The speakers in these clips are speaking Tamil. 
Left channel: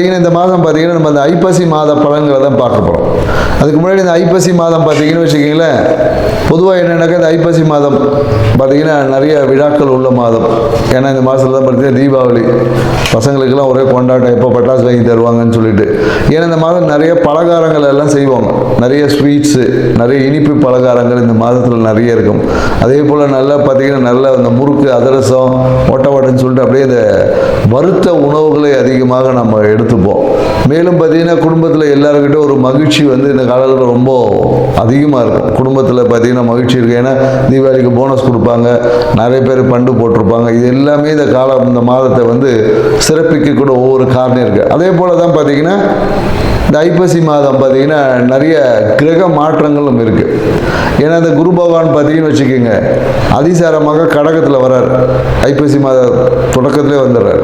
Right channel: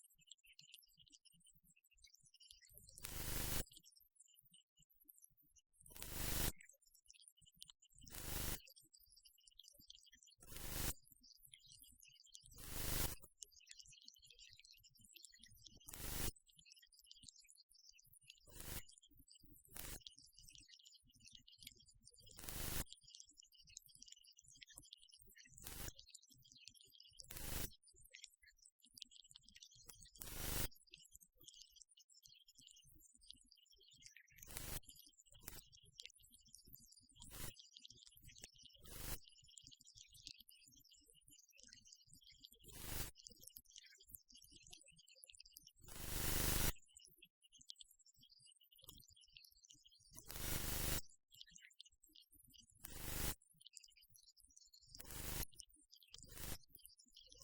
பார்த்தீங்கன்னா இந்த மாதம் பார்த்தீங்கன்னா நம்ம அந்த ஐப்பசி மாத பலன்களை தான் பார்க்க போகிறோம். அதுக்கு முன்னாடி இந்த ஐப்பசி மாதம் பார்த்தீங்கன்னு வச்சுக்கிங்களேன், பொதுவாக என்னென்னாக்கா இந்த ஐப்பசி மாதம் பார்த்தீங்கன்னா நிறைய விழாக்கள் உள்ள மாதம். ஏன்னா இந்த மாதத்தில் தான் பார்த்தீங்கன்னா தீபாவளி, பசங்களுக்கெல்லாம் ஒரே கொண்டாட்டம், எப்போ பட்டாசு வாங்கி தருவாங்கன்னு சொல்லிட்டு. ஏன்னா இந்த மாதம் நிறைய பலகாரங்கள் எல்லாம் செய்வாங்க, நிறைய ஸ்வீட்ஸு, நிறைய இனிப்பு பலகாரங்கள் இந்த மாதத்தில் நிறைய இருக்கும். அதே போல் நல்லா பார்த்தீங்கன்னா நல்ல இந்த முறுக்கு, அதிரசம், ஒட்டவடைன்னு சொல்லிட்டு அப்படியே இந்த வறுத்த உணவுகளை அதிகமாக நம்ம எடுத்துப்போம். மேலும் பார்த்தீங்கன்னா குடும்பத்தில் எல்லாருக்கிட்ட ஒரு மகிழ்ச்சி வந்து இந்த காலத்தில் ரொம்ப அதிகமாக இருக்கும். குடும்பத்தில் பார்த்தீங்கன்னா மகிழ்ச்சி இருக்குது. ஏன்னா தீபாவளிக்கு போனஸ் கொடுப்பாங்க, நிறைய பேர் பண்டு போட்டிருப்பாங்க. இது எல்லாமே இந்த மாதத்தை வந்து சிறப்பிக்கக்கூட ஒவ்வொரு காரணம் இருக்குது. அதே போல் தான் பார்த்தீங்கன்னா இந்த ஐப்பசி மாதம் பார்த்தீங்கன்னா நிறைய கிரக மாற்றங்களும் இருக்குது. ஏன்னா இந்த குரு பகவான் பார்த்தீங்கன்னு வச்சுக்கோங்க, அதிசாரமாக கடகத்தில் வர்றார், ஐப்பசி மாத தொடக்கத்திலே வந்துடுறார்.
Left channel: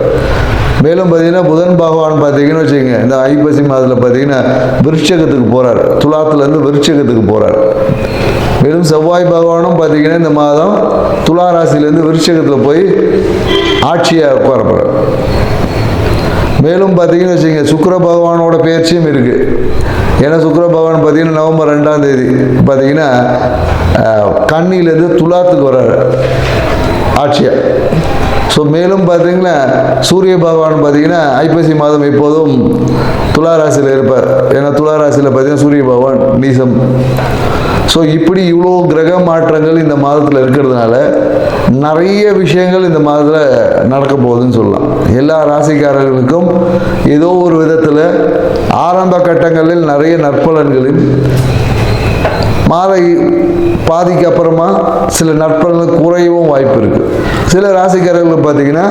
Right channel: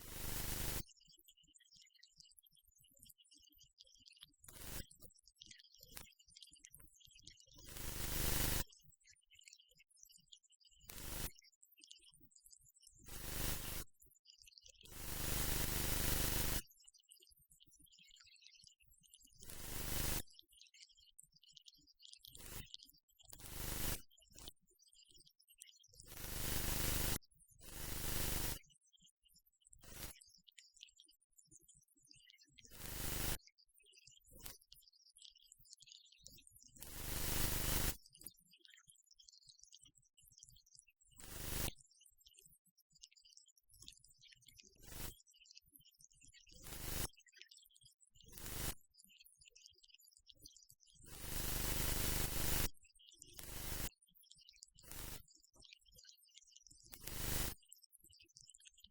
மேலும் பார்த்தீங்கன்னா புதன் பகவான் பார்த்தீங்கன்னு வச்சுக்கோங்க, இந்த ஐப்பசி மாதத்தில் பார்த்தீங்கன்னா விருட்சகத்துக்கு போகிறார், துலாத்துலேருந்து விருட்சகத்துக்கு போகிறார். மேலும் செவ்வாய் பகவானும் பார்த்தீங்கன்னா இந்த மாதம் துலா ராசியிலேருந்து விருட்சகத்தில் போய் ஆட்சியாக உட்கார போகிறார். மேலும் பார்த்தீங்கன்னு வச்சுக்கோங்க, சுக்கிர பகவானோட பயிற்சியும் இருக்குது. ஏன்னா சுக்கிர பகவான் பார்த்தீங்கன்னா நவம்பர் 2ஆம் தேதி பார்த்தீங்கன்னா கன்னியிலேருந்து துலாத்துக்கு வர்றாரு ஆட்சியாக. ஸோ மேலும் பார்த்தீங்கன்னா சூரிய பகவான் பார்த்தீங்கன்னா ஐப்பசி மாதம் எப்போதும் துலா ராசியில் இருப்பார். ஏன்னா துலா ராசியில் பார்த்தீங்கன்னா சூரிய பகவான் நீசம். ஸோ இப்படி இவ்வளோ கிரக மாற்றங்கள் இந்த மாதத்தில் இருக்கிறதுனால நிறைய விஷயங்கள் இந்த மாதத்தில் நடக்க போகுதுன்னு சொல்லலாம். எல்லா ராசிக்காரர்களுக்கும் ஏதோ ஒரு விதத்தில் ஆரம்ப கட்டங்களில் நிறைய நற்பலன்களில் மாத பாதிக்கு அப்புறமா சில நற்பலன்கள் குறையவும் வாய்ப்பு இருக்குது. சில ராசிக்காரர்கள் பார்த்தீங்கன்னா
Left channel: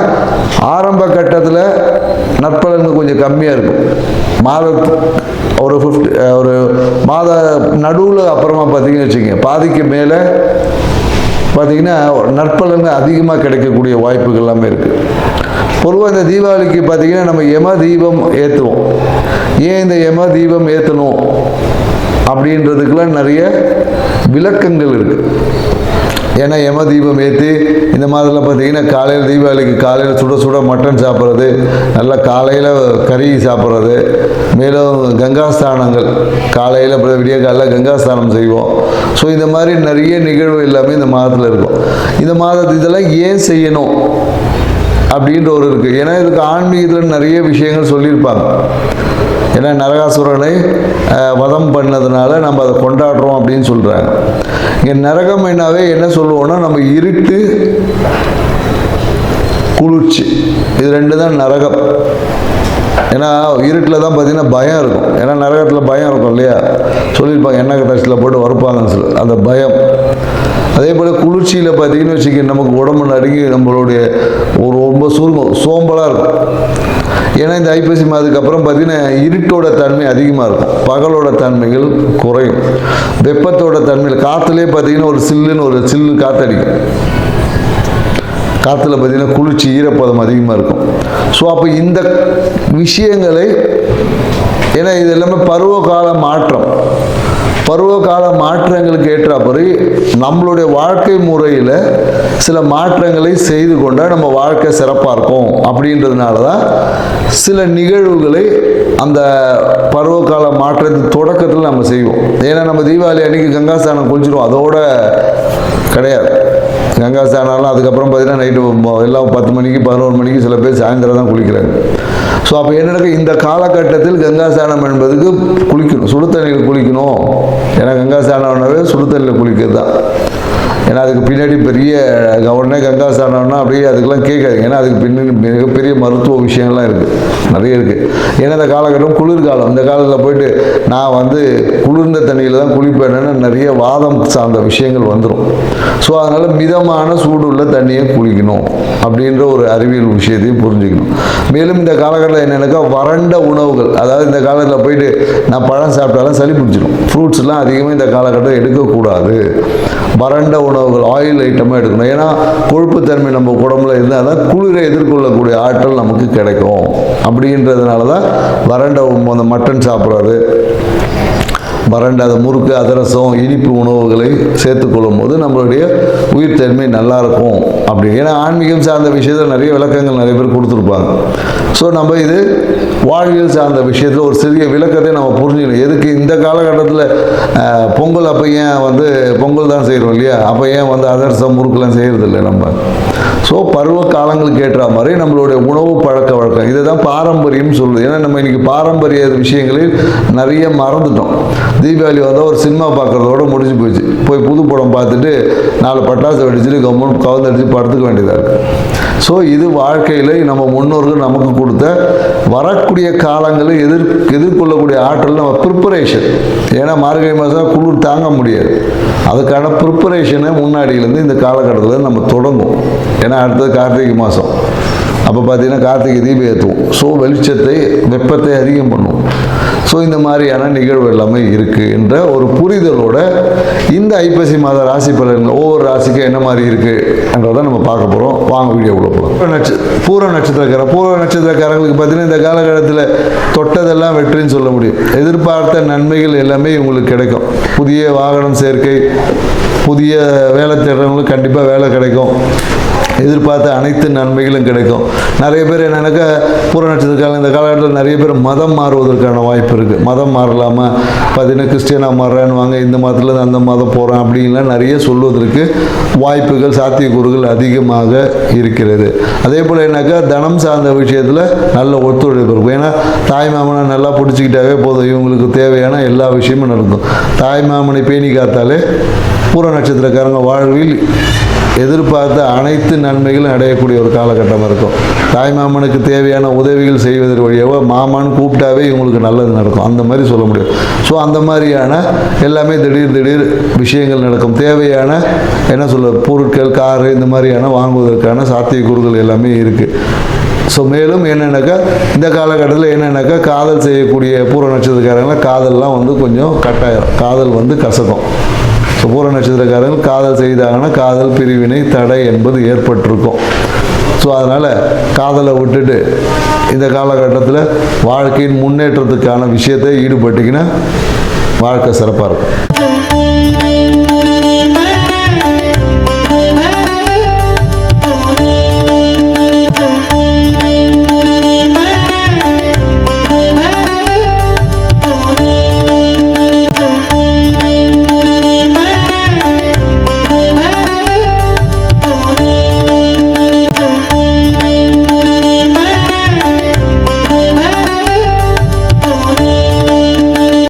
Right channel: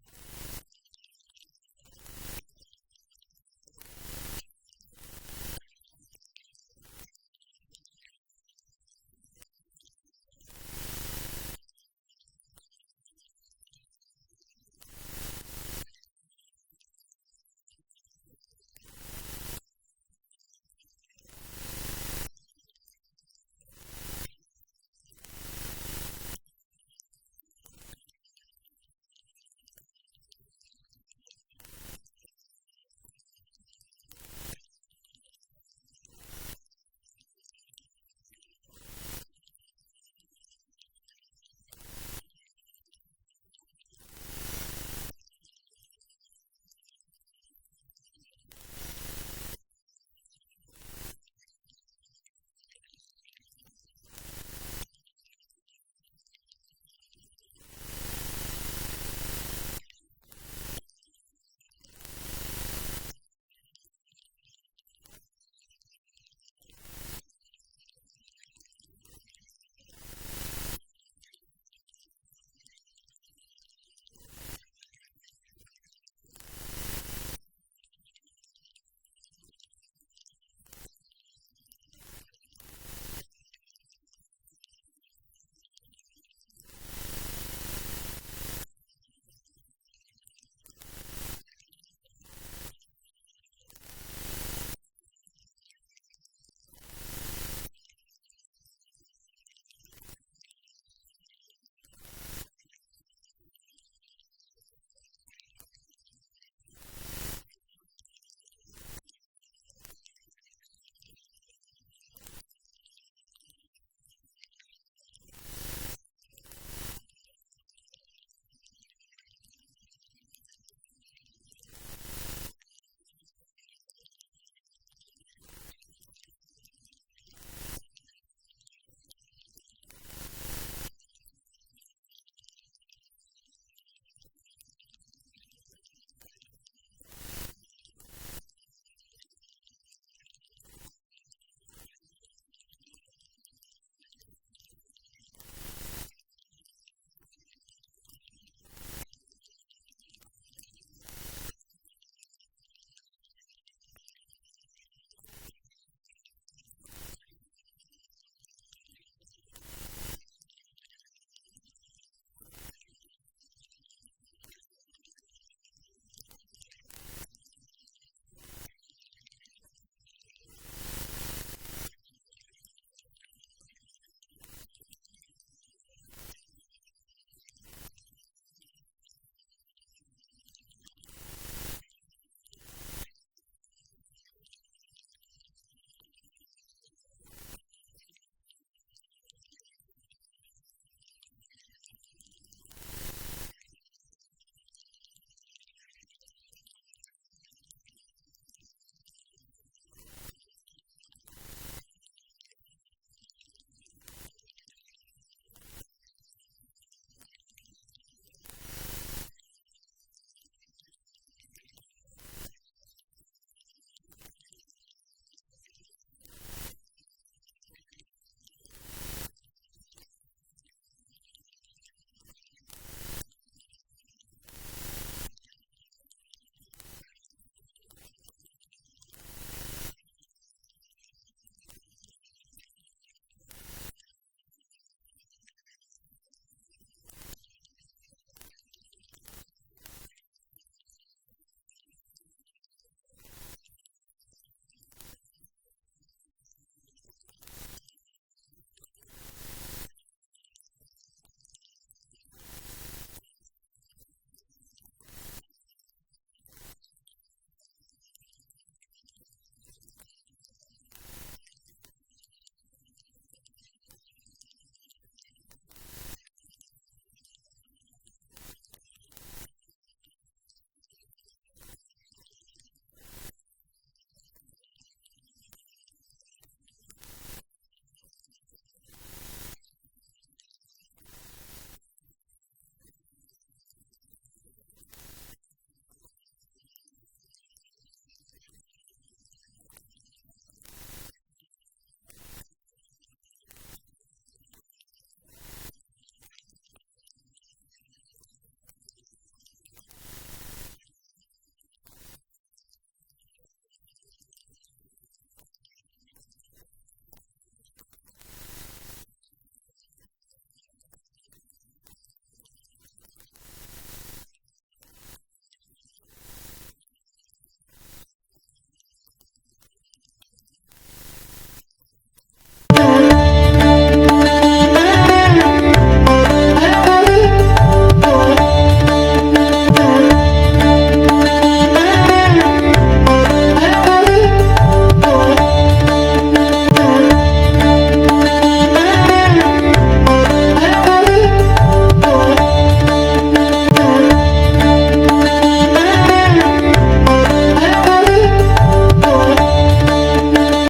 ஆரம்ப கட்டத்தில் நற்பலன்கள் கொஞ்சம் கம்மியாக இருக்கும். ஒரு மாத நடுவில் அப்புறமா பார்த்தீங்கன்னு வச்சுக்கோங்க, பாதிக்கு மேலே பார்த்தீங்கன்னா நற்பலன்கள் அதிகமாக கிடைக்கக்கூடிய வாய்ப்புகள் எல்லாமே இருக்குது. பொதுவாக இந்த தீபாவளிக்கு பார்த்தீங்கன்னா நம்ம யம தீபம் ஏற்றுவோம். ஏன் இந்த யம தீபம் ஏற்றணும் அப்படின்றதுக்கெல்லாம் நிறைய விளக்கங்கள் இருக்குது. ஏன்னா யம தீபம் ஏற்றி இந்த மாதத்தில் பார்த்தீங்கன்னா காலையில் தீபாவளிக்கு காலையில் சுட சுட மட்டன் சாப்பிட்றது, நல்லா காலையில் கறி சாப்பிட்றது, மேலும் கங்காஸ்தானங்கள் காலையில் விடிய காலையில் கங்காஸ்தானம் செய்வோம். ஸோ இந்த மாதிரி நிறைய நிகழ்வு எல்லாமே இந்த மாதத்தில் இருக்கும். இந்த மாதத்து இதெல்லாம் ஏன் செய்யணும் அப்படின்ற ஒரு இருக்குது. ஏன்னா இதுக்கு ஆன்மீகத்தில் நிறைய விஷயங்கள் சொல்லியிருப்பாங்க. ஏன்னா நரகாசுரனை வதம் பண்ணதுனால நம்ம அதை கொண்டாடுறோம் அப்படின்னு சொல்கிறாங்க. இங்கே நரகம் என்னாவே என்ன சொல்லுவோம்னா, நம்ம இருட்டு, குளிர்ச்சி, இது ரெண்டு தான் நரகம். ஏன்னா இருட்டில் தான் பார்த்தீங்கன்னா பயம் இருக்கும். ஏன்னா நரகத்தில் பயம் இருக்கும் இல்லையா, சொல்லியிருப்பாங்க எண்ணெய் டஸ்ட்டில் போட்டு வறுப்பாங்கன்னு சொல்லி, அந்த பயம். அதே போல் குளிர்ச்சியில் பார்த்தீங்கன்னு வச்சுக்க, நமக்கு உடம்பு நடுங்கி நம்மளுடைய ஒரு ரொம்ப சோம்பலாக இருக்கும். ஏன்னா இந்த ஐப்பசி மாதத்துக்கு அப்புறம் பார்த்தீங்கன்னா இருட்டோட தன்மை அதிகமாக இருக்கும், பகலோட தன்மைகள் குறையும். வெப்பத்தோட தன்மையில் காற்றுலேயே பார்த்தீங்கன்னா ஒரு சில்லு காற்றடிக்கும். காற்றுல பார்த்தீங்கன்னா குளிர்ச்சி, ஈரப்பதம் அதிகமாக இருக்கும். ஸோ அப்போ இந்த விஷயங்களை, ஏன்னா இது எல்லாமே பருவகால மாற்றங்களுக்கு ஏற்றாப்படி நம்மளுடைய வாழ்க்கை முறையில் சில மாற்றங்களை செய்து கொண்டால் நம்ம வாழ்க்கை சிறப்பாக இருக்கும். அப்படின்றதுனால தான் சில நிகழ்வுகளை அந்த பருவகால மாற்றத்தின் தொடக்கத்தில் நம்ம செய்வோம். ஏன்னா நம்ம தீபாவளி அன்றைக்கி கங்காஸ்தானம் குளிச்சிடுவோம், அதோட கிடையாது. கங்காஸ்தானம்லாம் அதுக்கப்புறம் பார்த்தீங்கன்னா நைட்டு எல்லாம் 10 மணிக்கு 11 மணிக்கு, சில பேர் சாயந்தரம் தான் குளிக்கிறாங்க. ஸோ அப்போ என்னென்ன இந்த காலகட்டத்தில் கங்காஸ்தானம் என்பதுக்கு குளிக்கணும், சுடு தண்ணியில் குளிக்கணும். ஏன்னா கங்காஸ்தானம்னாவே சுடு தண்ணியில் குளிக்கிறது தான். ஏன்னா அதுக்கு பின்னாடி பெரிய உடனே கங்காஸ்தானம்னா அப்படியே அதுக்கெல்லாம் கேட்காதுங்க. ஏன்னா அதுக்கு பின்னாடி மிகப்பெரிய மருத்துவ விஷயங்கள்லாம் இருக்குது, நிறைய இருக்குது. ஏன்னா இந்த காலகட்டம் குளிர்காலம். இந்த காலத்தில் போயிட்டு நான் வந்து குளிர்ந்த தண்ணியில் தான் குளிப்பேன்னு நிறைய வாதம் சார்ந்த விஷயங்கள் வந்துடும். ஸோ அதனால் மிதமான சூடு உள்ள தண்ணியை குளிக்கணும் அப்படின்ற ஒரு அறிவியல் விஷயத்தையும் புரிஞ்சுக்கணும். மேலும் இந்த காலகட்டத்தில் என்னென்னாக்கா வறண்ட உணவுகள், அதாவது இந்த காலத்தில் போயிட்டு நான் பழம் சாப்பிட்டாலும் சளி பிடிச்சிடும். ஃப்ரூட்ஸ்லாம் அதிகமாக இந்த காலகட்டம் எடுக்கக்கூடாது. வறண்ட உணவுகள், ஆயில் ஐட்டமாக எடுக்கணும். ஏன்னா கொழுப்புத்தன்மை நம்ம உடம்புல இருந்தால் தான் குளிரை எதிர்கொள்ளக்கூடிய ஆற்றல் நமக்கு கிடைக்கும். அப்படின்றதுனால தான் வறண்ட அந்த மட்டன் சாப்பிட்றது, வறண்ட அந்த முறுக்கு அதிரசம் இனிப்பு உணவுகளை சேர்த்துக்கொள்ளும் போது நம்மளுடைய உயிர்த்தன்மை நல்லாயிருக்கும் அப்படி. ஏன்னா ஆன்மீகம் சார்ந்த விஷயத்தில் நிறைய விளக்கங்கள் நிறைய பேர் கொடுத்துருப்பாங்க. ஸோ நம்ம இது வாழ்வியல் சார்ந்த விஷயத்தில் ஒரு சிறிய விளக்கத்தை நம்ம புரிஞ்சுக்கணும். எதுக்கு இந்த காலகட்டத்தில் பொங்கல் அப்போ ஏன் வந்து பொங்கல் தான் செய்கிறோம் இல்லையா, அப்போ ஏன் வந்து அதிரசம் முறுக்கெல்லாம் செய்கிறதில்லை நம்ம. ஸோ பருவ காலங்களுக்கு ஏற்ற மாதிரி நம்மளுடைய உணவு பழக்க வழக்கம் இதை தான் பாரம்பரியம் சொல்லுது. ஏன்னா நம்ம இன்றைக்கி பாரம்பரிய விஷயங்களில் நிறைய மறந்துட்டோம். தீபாவளி வந்தால் ஒரு சினிமா பார்க்குறதோட முடிஞ்சு போச்சு. போய் புது படம் பார்த்துட்டு 4 பட்டாசு வெடிச்சுட்டு கவர்மெண்ட் கவுந்தடிச்சு படுத்துக்க வேண்டியதாக இருக்குது. ஸோ இது வாழ்க்கையில் நம்ம முன்னோர்கள் நமக்கு கொடுத்த வரக்கூடிய காலங்களில் எதிர்கொள்ளக்கூடிய ஆற்றல் நம்ம ப்ரிப்பரேஷன். ஏன்னா மார்கழி மாதம் குளிர் தாங்க முடியாது. அதுக்கான ப்ரிப்பரேஷனை முன்னாடியிலேருந்து இந்த காலகட்டத்தில் நம்ம தொடங்கும். ஏன்னா அடுத்தது கார்த்திகை மாதம். அப்போ பார்த்தீங்கன்னா கார்த்திகை தீபம் ஏற்றுவோம். ஸோ வெளிச்சத்தை வெப்பத்தை அதிகம் பண்ணுவோம். ஸோ இந்த மாதிரியான நிகழ்வு எல்லாமே இருக்குது என்ற ஒரு புரிதலோட இந்த ஐப்பசி மாத ராசி பலன்கள் ஒவ்வொரு ராசிக்கும் என்ன மாதிரி இருக்குன்றதை நம்ம பார்க்க போகிறோம். வாங்க வீடியோக்குள்ள போகிறோம். பூர நட்சத்திரக்காரங்களுக்கு பார்த்தீங்கன்னா இந்த காலகட்டத்தில் தொட்டதெல்லாம் வெற்றின்னு சொல்ல முடியும். எதிர்பார்த்த நன்மைகள் எல்லாமே இவங்களுக்கு கிடைக்கும். புதிய வாகனம் சேர்க்கை, புதிய வேலை தேடுறவங்களுக்கு கண்டிப்பாக வேலை கிடைக்கும். எதிர்பார்த்த அனைத்து நன்மைகளும் கிடைக்கும். நிறைய பேர் என்னென்னாக்கா பூர நட்சத்திரக்காரங்க இந்த காலகட்டத்தில் நிறைய பேர் மதம் மாறுவதற்கான வாய்ப்பு இருக்குது. மதம் மாறலாமா, பார்த்தீங்கன்னா கிறிஸ்டியனாக மாறுறான்னு வாங்க, இந்த மதத்துலேருந்து அந்த மதம் போகிறேன் அப்படின்லாம் நிறைய சொல்வதற்கு வாய்ப்புகள் சாத்தியக்கூறுகள் அதிகமாக இருக்கிறது. அதே போல் என்னக்கா தனம் சார்ந்த விஷயத்தில் நல்ல ஒத்துழைப்பு இருக்கும். ஏன்னா தாய் மாமனை நல்லா பிடிச்சிக்கிட்டாவே போதும், இவங்களுக்கு தேவையான எல்லா விஷயமும் நடக்கும். தாய் மாமனை பேணி காத்தாலே பூர நட்சத்திரக்காரங்க வாழ்வில் எதிர்பார்த்த அனைத்து நன்மைகளும் அடையக்கூடிய ஒரு காலகட்டமாக இருக்கும். தாய் மாமனுக்கு தேவையான உதவிகள் செய்வதற்கு வழியாக மாமான்னு கூப்பிட்டாவே இவங்களுக்கு நல்லது நடக்கும், அந்த மாதிரி சொல்ல முடியும். ஸோ அந்த மாதிரியான எல்லாமே திடீர் விஷயங்கள் நடக்கும். தேவையான என்ன சொல்ல பொருட்கள், காரு இந்த மாதிரியான வாங்குவதற்கான சாத்தியக்கூறுகள் எல்லாமே இருக்குது. ஸோ மேலும் என்னென்னாக்கா இந்த காலகட்டத்தில் என்னென்னாக்கா காதல் செய்யக்கூடிய பூர நட்சத்திரக்காரங்களாம் காதல்லாம் வந்து கொஞ்சம் கட்டாயம், காதல் வந்து கசக்கும். ஸோ பூர நட்சத்திரக்காரர்கள் காதல் செய்தாங்கன்னா காதல் பிரிவினை தடை என்பது ஏற்பட்டிருக்கும். ஸோ அதனால் காதலை விட்டுட்டு இந்த காலகட்டத்தில் வாழ்க்கையின் முன்னேற்றத்துக்கான விஷயத்தை ஈடுபட்டிங்கன்னா வாழ்க்கை சிறப்பாக இருக்கும்.